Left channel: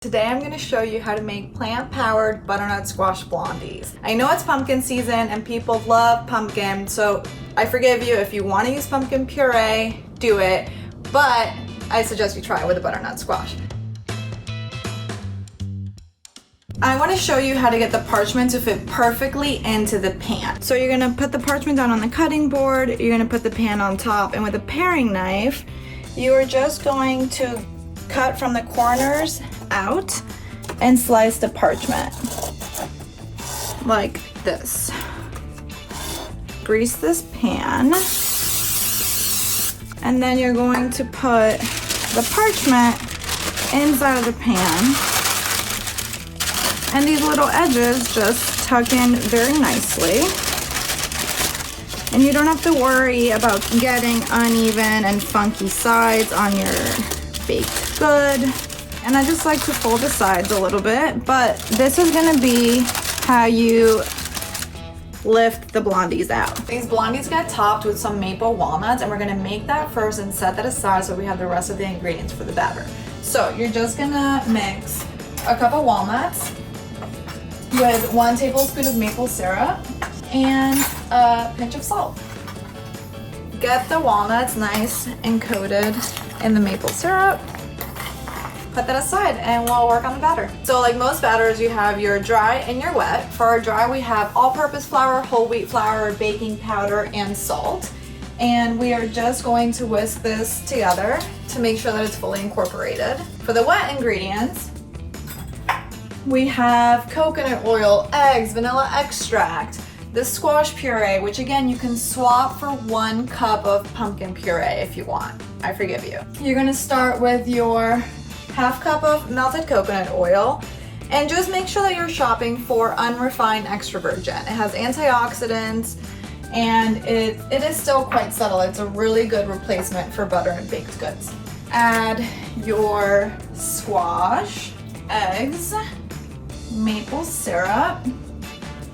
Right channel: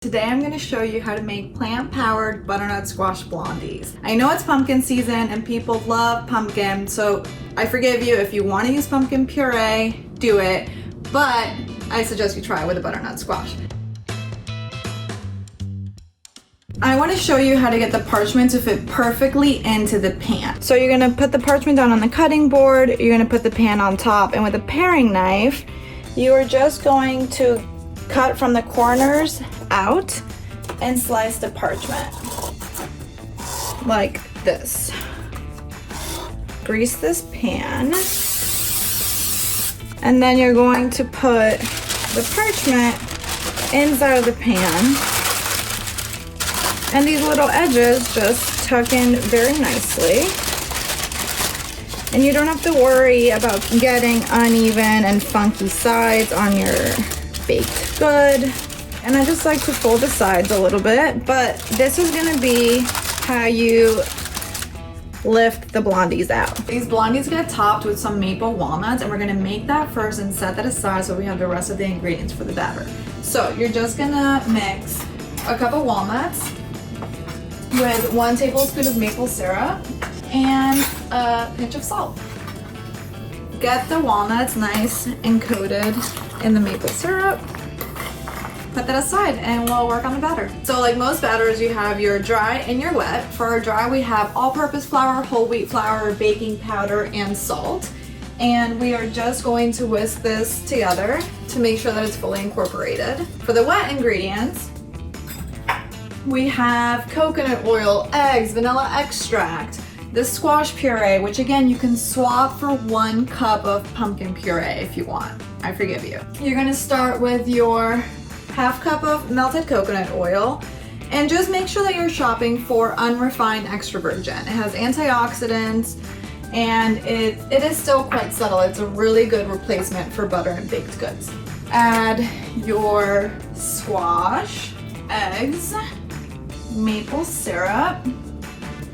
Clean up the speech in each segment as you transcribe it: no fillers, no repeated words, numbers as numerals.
Today I'm going to show you how to make plant-powered butternut squash blondies. I know it's pumpkin season and people love pumpkin, so I forgive you if you want to use pumpkin puree, do it, but I suggest you try it with a butternut squash. I want to show you how to get the parchment to fit perfectly into the pan. So you're going to put the parchment down on the cutting board, you're going to put the pan on top, and with a paring knife, you are just going to cut from the corners out and slice the parchment like this. Grease this pan, and then you're going to put the parchment inside of the pan, and these little edges just tuck in very nicely, and you don't have to worry about getting uneven and funky sides on your baked good. And I just like to fold the sides a little bit, but this is gonna be how you lift the blondies out. These blondies get topped with some maple walnuts, and we're gonna make that first and set that aside so we have the rest of the ingredients for the batter. So you're just gonna mix a cup of walnuts with 1 tablespoon of maple syrup and a pinch of salt. Get the walnuts nice and coated in the maple syrup. Put that aside and we'll work on the batter. So like most batters, you have your dry and your wet. For our dry, we have all-purpose flour, whole wheat flour, baking powder, and salt. And we are just going to whisk this together to make sure that it's fully incorporated. For the wet ingredients, we have coconut oil, eggs, vanilla extract, the squash puree, which again, you can swap for 1 cup of pumpkin puree if you want. I forgive you. You're gonna start with your 1/2 cup of melted coconut oil, and just make sure that you're shopping for unrefined extra virgin. It has antioxidants, and it is still quite subtle. It's a really good replacement for butter and baked goods. Add your squash, eggs, maple syrup.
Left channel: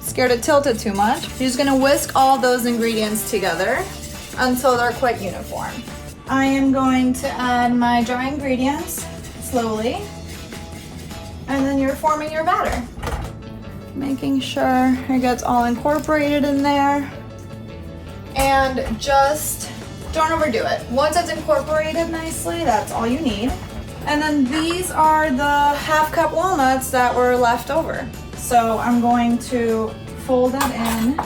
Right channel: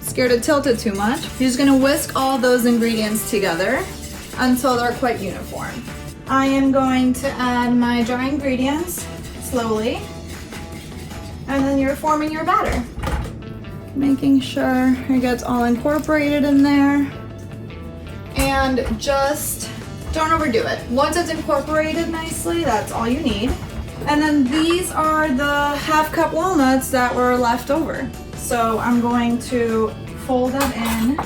Scared it tilted too much. You're just gonna whisk all those ingredients together until they're quite uniform. I am going to add my dry ingredients slowly, and then you're forming your batter. Making sure it gets all incorporated in there, and just don't overdo it. Once it's incorporated nicely, that's all you need. And then these are the 1/2 cup walnuts that were left over. So I'm going to fold that in.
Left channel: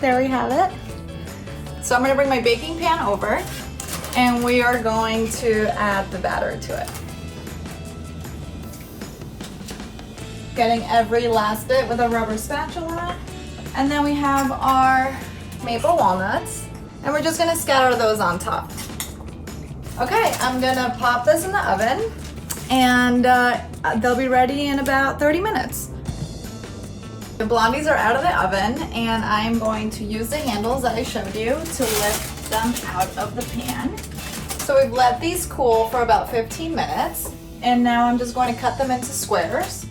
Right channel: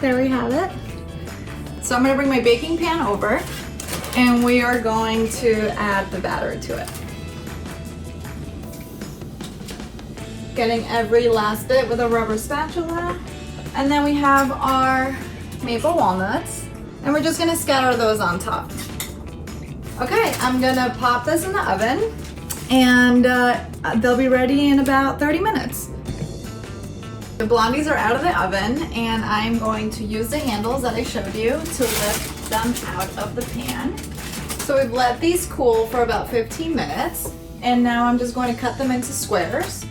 There we have it. So I'm gonna bring my baking pan over, and we are going to add the batter to it. Getting every last bit with a rubber spatula. And then we have our maple walnuts, and we're just gonna scatter those on top. Okay, I'm gonna pop this in the oven, and they'll be ready in about 30 minutes. The blondies are out of the oven, and I'm going to use the handles that I showed you to lift them out of the pan. So we've let these cool for about 15 minutes, and now I'm just going to cut them into squares.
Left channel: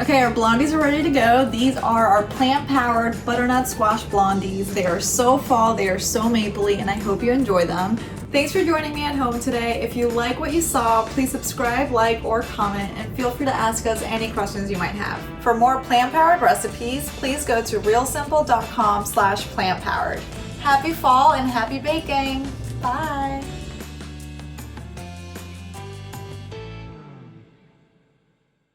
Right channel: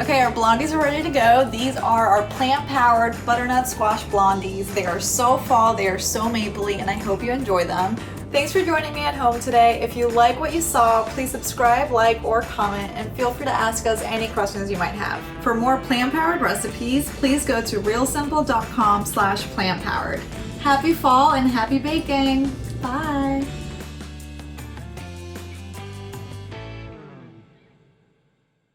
Okay, our blondies are ready to go. These are our plant-powered butternut squash blondies. They are so fall, they are so mapley, and I hope you enjoy them. Thanks for joining me at home today. If you like what you saw, please subscribe, like, or comment, and feel free to ask us any questions you might have. For more plant-powered recipes, please go to realsimple.com/plantpowered. Happy fall and happy baking. Bye.